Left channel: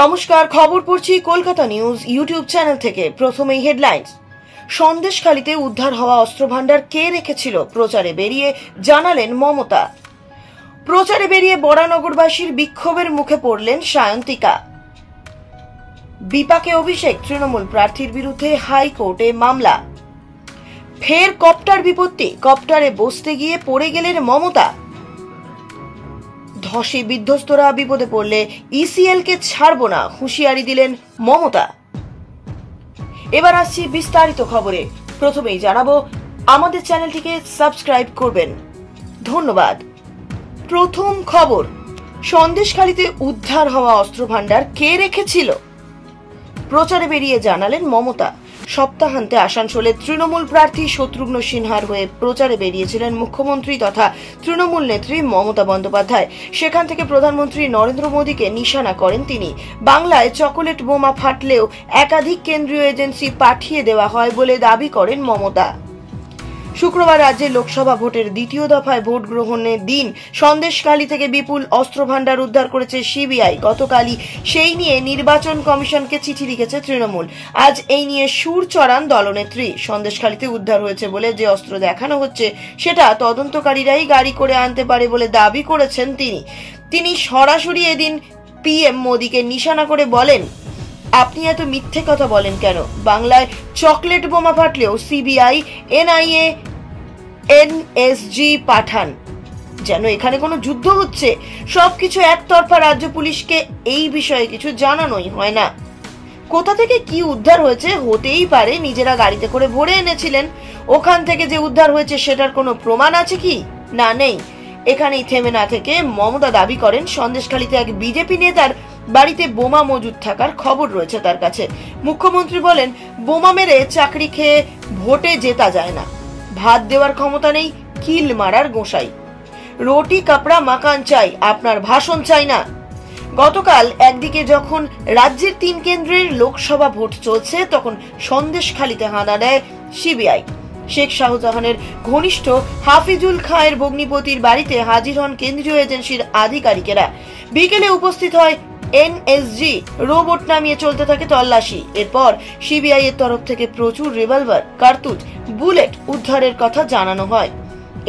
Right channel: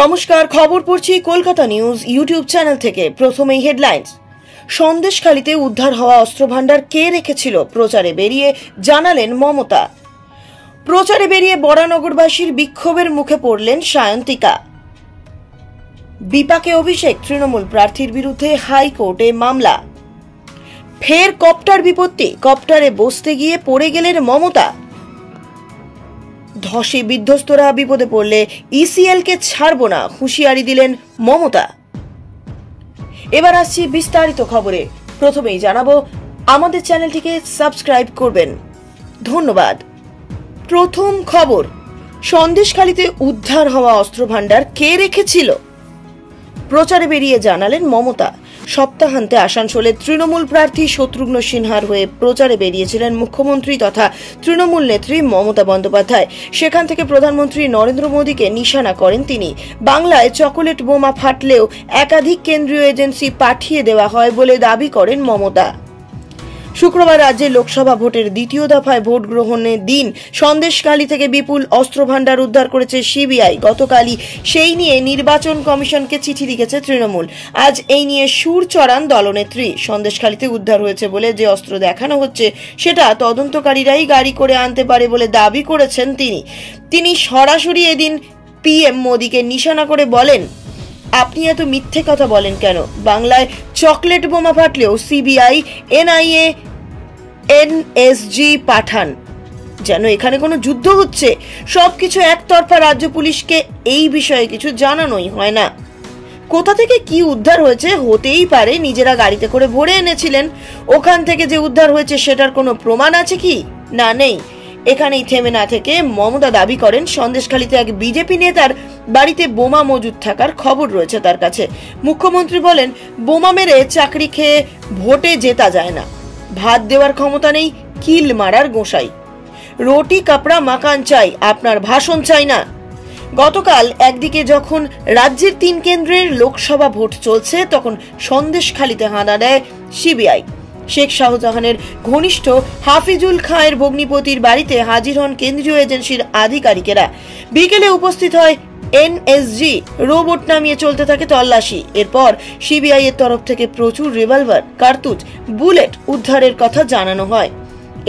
নমস্কার, খবর পড়ছি কলকাতা নিউজ ইউটিউব চ্যানেল থেকে। প্রথমেই হেডলাইন্স। সন্দেশখালীতে উদ্ধার হওয়া অস্ত্রভান্ডার কে রেখেছিল প্রচারে বেরিয়ে জানালেন মমতা। প্রচারে বেরিয়ে বরানগরবাসীর বিক্ষোভের মুখে পড়লেন সায়ন্তিকা। বিপাকে অভিষেক, তৃণমূল প্রার্থীর বিরুদ্ধে হাইকোর্টে মামলা। ফের কপ্টার বিপত্তি, কপ্টারে বসতে গিয়ে পড়ে গেলেন মমতা। ধসে বিধ্বস্তরা বিপদে পড়লে ইসিএল কে ছাড়ব না, হুঁশিয়ারি দিলেন মমতা। এবার আসছি বিস্তারিত খবরে। প্রথমেই জানাবো, আমাদের চ্যানেলটিকে সাবস্ক্রাইব করবেন, ধন্যবাদ। প্রথম খবর, সন্দেশখালীতে উদ্ধার হওয়া অস্ত্রভান্ডার কে রেখেছিল প্রচারে বেরিয়ে জানালেন মমতা। সপ্তাহান্তে আসানসোলের তৃণমূল প্রার্থী শত্রুঘ্ন সিনহার হয়ে প্রচারে বেরিয়েছিলেন মুখ্যমন্ত্রী তথা তৃণমূল নেত্রী মমতা বন্দ্যোপাধ্যায়। সেখান থেকে প্রধানমন্ত্রী নরেন্দ্র মোদীকে নিশানা করেন তিনি। বাংলায় চকোলেট বোমা ফাটলেও একাধিক কেন্দ্রীয় এজেন্সি পাঠিয়ে দেওয়া হয় বলে দাবি করেন মমতা। শুক্রবার রাজ্যে লোকসভা ভোটের দ্বিতীয় দফায় ভোট গ্রহণের দিন সন্দেশখালী থেকে বিপুল অস্ত্রভান্ডার উদ্ধার করেছে সিবিআই। গতকালই সেই নিয়ে নির্বাচন কমিশনকে চিঠি লিখেছে তৃণমূল। আজ এই নিয়ে সুর চড়ান দলনেত্রী। সন্দেশখালীতে উদ্ধার হয়েছে বলে যে অস্ত্র দেখানো হচ্ছে সেটা তদন্তকারীরাই গাড়ি করে আনতে পারে বলে দাবি করেছেন তিনি সরাসরি এদিন পিএম মোদীকে নিশানা করে বলেন, আপনি এত মিথ্যে কথা বলেন কেন? বাংলায় চকলেট বোমা ফাটলেও সিবিআই, এনআইএ, এনএসজি পাঠান, যেন এখানে কোনো যুদ্ধ হচ্ছে। সবকিছু একতরফা। রাজ্য পুলিশকে এই বিষয়ে কিছু জানানোই হয় না। কোথা থেকে কি উদ্ধার হয়েছে হতেই পারে নিজেরা গাড়িতে করে ভরে এনেছিলেন। ওখান থেকে যে উদ্ধার হয়েছে সেটার কোনো প্রমাণ আছে কি? না, নেই। এখানেই থেমে না থেকে মমতা দাবি করেন সন্দেশখালীতে এক বিজেপি নেতার বাড়িতে বোমা মজুদ থাকার খবর রয়েছে তার কাছে। মুখ্যমন্ত্রী বলেন, বোমা মেরে চাকরি খেয়ে ভোটে জেতা যায় না। ভাত দেওয়ার ক্ষমতা নেই, কিল মারার গোসাই। রুটি কাপড়া মাকান চাই, আপনার ভাষণ চাই না। গতকাল একদিকে যখন রাজ্যের 3 কেন্দ্রের লোকসভা ভোট চলছে, তখন সন্দেশখালীতে হানা দেয় সিবিআই। শেখ শাহজাহানের ঘনিষ্ঠ হাফিজুল খাঁয়ের ভগ্নিপতির বাড়িতে হাজির হন কেন্দ্রীয় এজেন্সির আধিকারিকেরা। বিকেলে উপস্থিত হয় এনএসজি। রোবট নামিয়ে চলতে থাকে তল্লাশি। এরপর সিবিআই এর তরফ থেকে প্রচুর রিভলভার, কার্তুজ, বুলেট উদ্ধারের কথা জানানো হয়।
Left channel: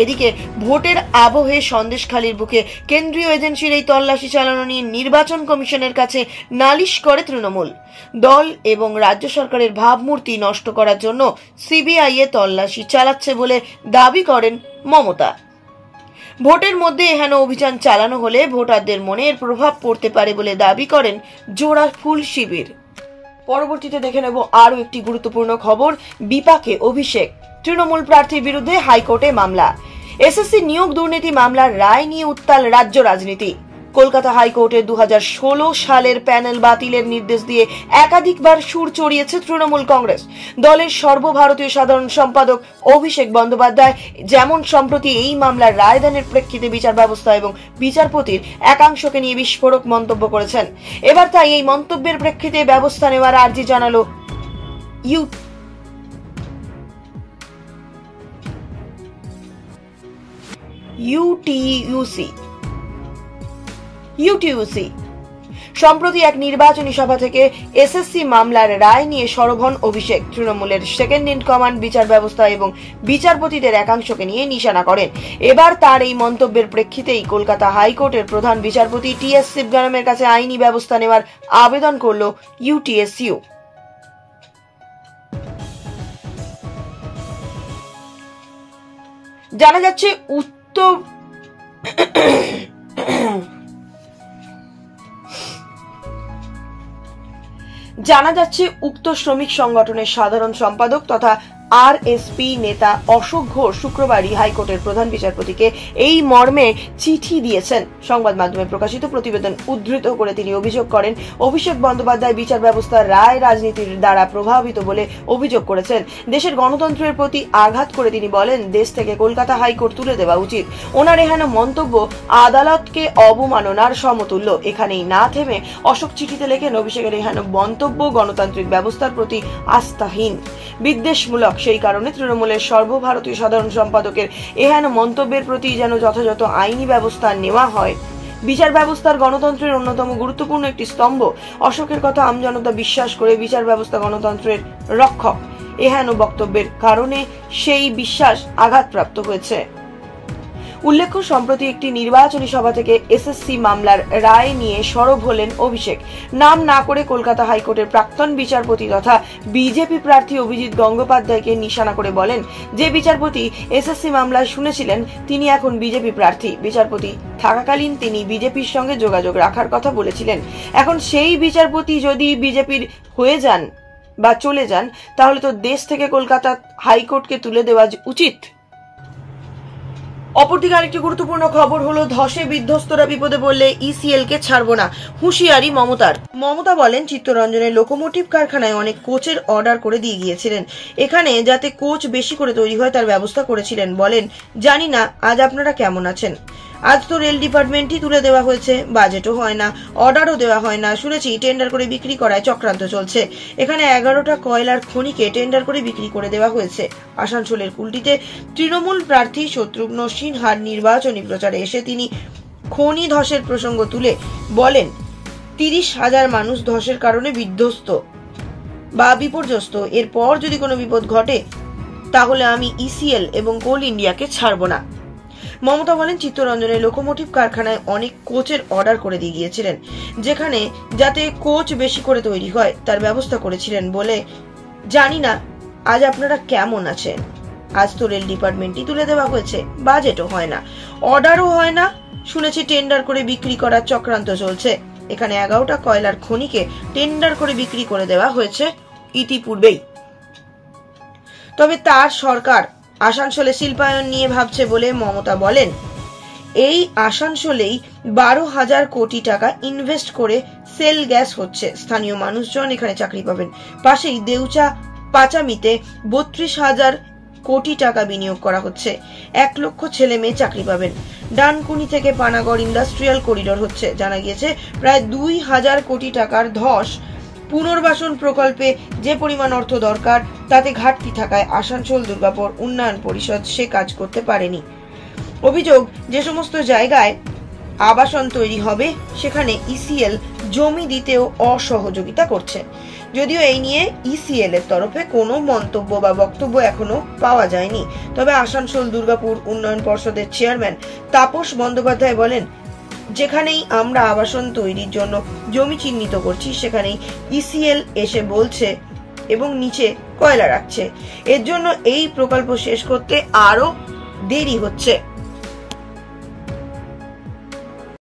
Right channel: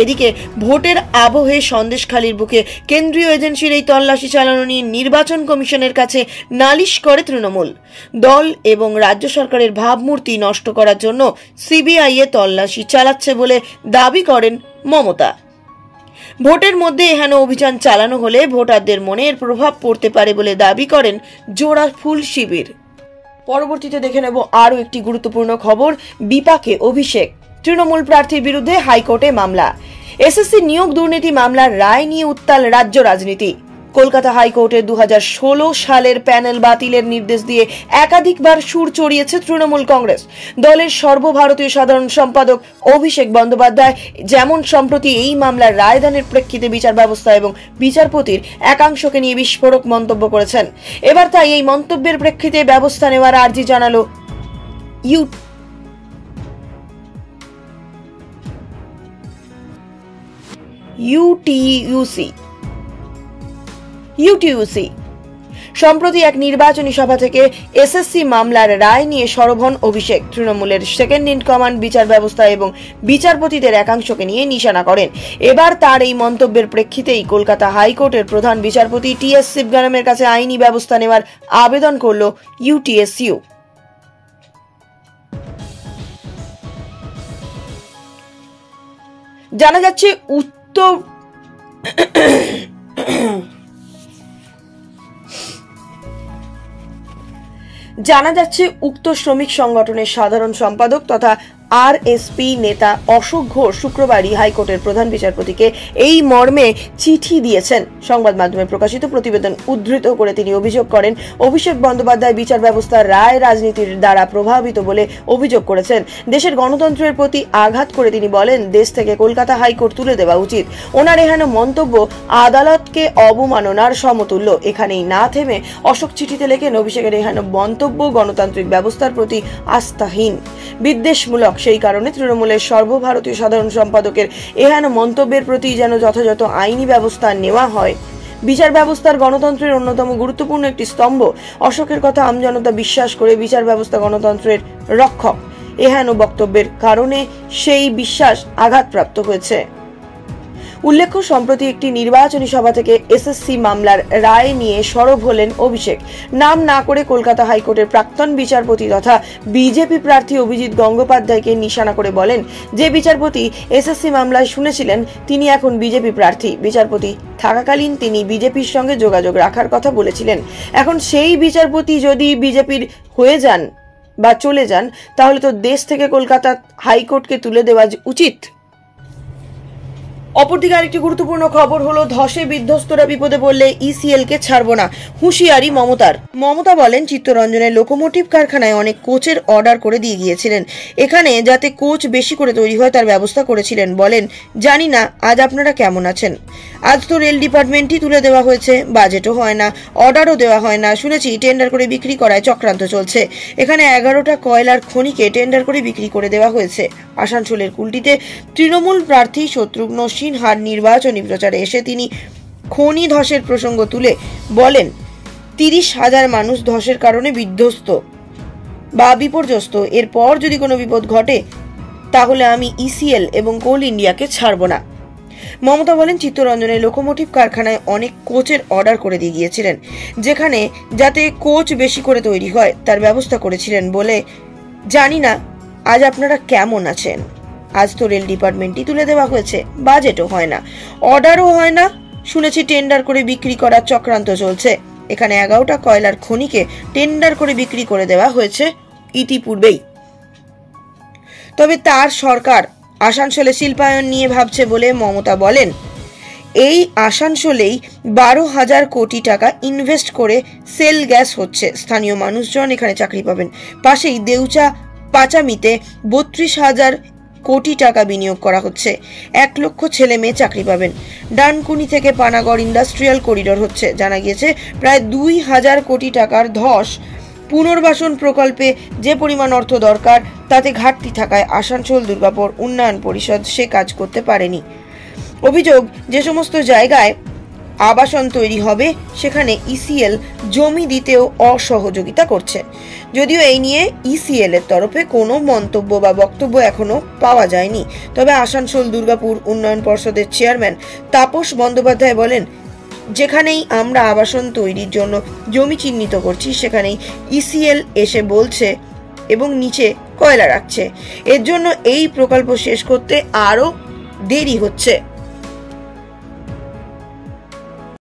এদিকে ভোটের আবহে সন্দেশখালীর বুকে কেন্দ্রীয় এজেন্সির এই তল্লাশি চালানো নিয়ে নির্বাচন কমিশনের কাছে নালিশ করে তৃণমূল। দল এবং রাজ্য সরকারের ভাবমূর্তি নষ্ট করার জন্য সিবিআই এ তল্লাশি চালাচ্ছে বলে দাবি করেন মমতা। ভোটের মধ্যে এহেন অভিযান চালানো হলে ভোটারদের মনে এর প্রভাব পড়তে পারে বলে দাবি করেন জোড়া ফুল শিবির। পরবর্তীতে দেখে নেব আরও একটি গুরুত্বপূর্ণ খবর। বিপাকে অভিষেক, তৃণমূল প্রার্থীর বিরুদ্ধে হাইকোর্টে মামলা। এসএসসি নিয়োগ দুর্নীতি মামলার রায় নিয়ে উত্তাল রাজ্য রাজনীতি। কলকাতা হাইকোর্টের 2016 সালের প্যানেল বাতিলের নির্দেশ দিয়ে একাধিকবার সুর চড়িয়েছে তৃণমূল কংগ্রেস। দলের সর্বভারতীয় সাধারণ সম্পাদক অভিষেক বন্দ্যোপাধ্যায় যেমন সম্প্রতি এই মামলার রায়দানের প্রেক্ষিতে বিচার ব্যবস্থা এবং বিচারপতির একাংশকে নিয়ে বিস্ফোরক মন্তব্য করেছেন। এবার তাই এই মন্তব্যের প্রেক্ষিতে ব্যবস্থা নেওয়ার আর্জি জানালো ইউটিইউসি। সম্প্রতি এক নির্বাচনী সভা থেকে এসএসসি মামলার রায় নিয়ে সরব হন অভিষেক। তৃণমূলের সেকেন্ড ইন কমান্ড বিচার ব্যবস্থা এবং বিচারপতিদের একাংশকে নিয়ে নিশানা করেন। এবার তার এই মন্তব্যের প্রেক্ষিতেই কলকাতা হাইকোর্টের প্রধান বিচারপতি টিএস শিবগানামের কাছে আইনি ব্যবস্থা নেওয়ার আবেদন করল ইউটিএসইউ। জানা যাচ্ছে উক্ত শ্রমিক সংগঠনের সাধারণ সম্পাদক তথা আরএসপি নেতা অশোক ঘোষ শুক্রবারই হাইকোর্টের প্রধান বিচারপতিকে এই মর্মে চিঠি দিয়েছেন। সংবাদ মাধ্যমে প্রকাশিত প্রতিবেদন উদ্ধৃত করে তিনি অভিযোগ করেন, অভিষেক বন্দ্যোপাধ্যায় বিচার ব্যবস্থার রায় রাজনীতির দ্বারা প্রভাবিত বলে অভিযোগ করেছেন। দেশের গণতন্ত্রের প্রতি আঘাত করে তিনি বলেন, দেশ থেকে কলকাতা হাইকোর্ট তুলে দেওয়া উচিত। ওনার এহেন মন্তব্য আদালতকে অবমাননার সমতুল্য। এখানেই না থেমে অশোক চিঠিতে লেখেন, অভিষেকের এহেন মন্তব্য গণতান্ত্রিক ব্যবস্থার প্রতি আস্থাহীন, বিদ্বেষমূলক। সেই কারণে তৃণমূলের সর্বভারতীয় সাধারণ সম্পাদকের এহেন মন্তব্যের প্রতি যেন যথাযথ আইনি ব্যবস্থা নেওয়া হয় বিচার ব্যবস্থার গণতন্ত্রের অন্যতম গুরুত্বপূর্ণ একটি স্তম্ভ। অশোকের কথা আমজনতা বিশ্বাস করে বিচার ব্যবস্থা গণতন্ত্রের রক্ষক। এহেন বক্তব্যের কারণে সেই বিশ্বাস আঘাতপ্রাপ্ত হয়েছে। উল্লেখ্য, সম্প্রতি একটি নির্বাচনী সভা থেকে এসএসসি মামলার রায় নিয়ে সরব হলেন অভিষেক। নাম না করে কলকাতা হাইকোর্টের প্রাক্তন বিচারপতি তথা বিজেপি প্রার্থী অভিজিৎ গঙ্গোপাধ্যায়কে নিশানা করে বলেন, যে বিচারপতি এসএসসি মামলায় শুনেছিলেন তিনি এখন বিজেপি প্রার্থী। বিচারপতি থাকাকালীন তিনি বিজেপির সঙ্গে যোগাযোগ রাখার কথা বলেছিলেন। এখন সেই বিচারপতি যদি বিজেপির হয়ে যান বা চলে যান, তাহলে তো দেশ থেকে কলকাতা হাইকোর্টকে তুলে দেওয়া উচিত। অপরদিকে আরেকটি গুরুত্বপূর্ণ খবর হলো, ধসে বিধ্বস্তরা বিপদে পড়লে ইসিএল কে ছাড়বো না, হুঁশিয়ারি মমতার। মমতা বলেন, চিত্তরঞ্জনের লোকোমোটিভ কারখানায় অনেক কোচের অর্ডার করে দিয়ে গিয়েছিলেন। এখানে যাতে কোচ বেশি করে তৈরি হয় তার ব্যবস্থা করেছিলেন। বলেন, জানি না আজ আপনারা কেমন আছেন। আজ তো রেল ডিপার্টমেন্টই তুলে দেওয়া হয়েছে, বাজেটও হয় না, অর্ডারও দেওয়া হয় না। শুনেছি টেন্ডার করে বিক্রি করায় চক্রান্ত চলছে। এখানে 11টা কয়লার খনিকে টেন্ডার করে বিক্রি করে দেওয়া হয়েছে। আসানসোলের কুলটিতে তৃণমূল প্রার্থী শত্রুঘ্ন সিনহার নির্বাচনী প্রচারে এসে তিনি খনি ধসের প্রসঙ্গ তুলে বলেন, 30,000 মানুষ ধসের কারণে বিধ্বস্ত বা বিপর্যস্ত। এরপর যদি কোনো বিপদ ঘটে তাহলে আমি ইসিএল এবং কোল ইন্ডিয়াকে ছাড়বো না। মমতা বলেন, চিত্তরঞ্জনের লোকোমোটিভ কারখানায় অনেক কোচের অর্ডার করে দিয়ে গিয়েছিলেন, যেখানে যাতে কোচ বেশি করে তৈরি হয় তার ব্যবস্থা করেছিলেন। বলে, জানি না আজ আপনারা কেমন আছেন। আজ তো রেল ডিপার্টমেন্টই তুলে দেওয়া হয়েছে, বাজেটও হয় না, অর্ডারও হয় না। শুনেছি টেন্ডার করে বিক্রি করার চক্রান্ত চলছে। এখানে 11টা কয়লার খনিকে টেন্ডার করে বিক্রি করে দেওয়া হয়েছে ইতিপূর্বেই। তবে তার সরকার আসানসোলে শিল্পায়ন নিয়ে ভাবছে বলে মমতা বলেন, এই আসানসোলেই 12,000 কোটি টাকা ইনভেস্ট করে সেল গ্যাস হচ্ছে। স্থানীয় মানুষজন এখানে চাকরি পাবেন। পাশেই দেউচা পাচামিতে 32,000 কোটি টাকা বিনিয়োগ করা হচ্ছে। 1 লক্ষ ছেলে মেয়ে চাকরি পাবেন। ডানকুনি থেকে পানাগড় ইন্ডাস্ট্রিয়াল করিডোর হচ্ছে। জানা গিয়েছে প্রায় 2,000 কোটি টাকার ধস পুনর্বাসন প্রকল্পে যে পরিমাণ অর্থ দরকার তাতে ঘাটতি থাকায় আসানসোল দুর্গাপুর উন্নয়ন পরিষদ সে কাজ করতে পারেনি। অভিযোগ, যে সমস্ত জায়গায় আবাসন তৈরি হবে সেখানে ইসিএল জমি দিতেও অসহযোগিতা করছে। যদিও এই নিয়ে ইসিএল এর তরফে কোনো মন্তব্য বা বক্তব্য এখনো পাওয়া যায়নি। তবে আসানসোল দুর্গাপুর উন্নয়ন পর্ষদের চেয়ারম্যান তাপস বন্দ্যোপাধ্যায় বলেন, যেখানেই আমরা আবাসন তৈরির জন্য জমি চিহ্নিত করছি সেখানেই ইসিএল এসে বলছে এবং নিচে কয়লা রাখছে। এর জন্য এই প্রকল্প শেষ করতে আরো দেরি হচ্ছে।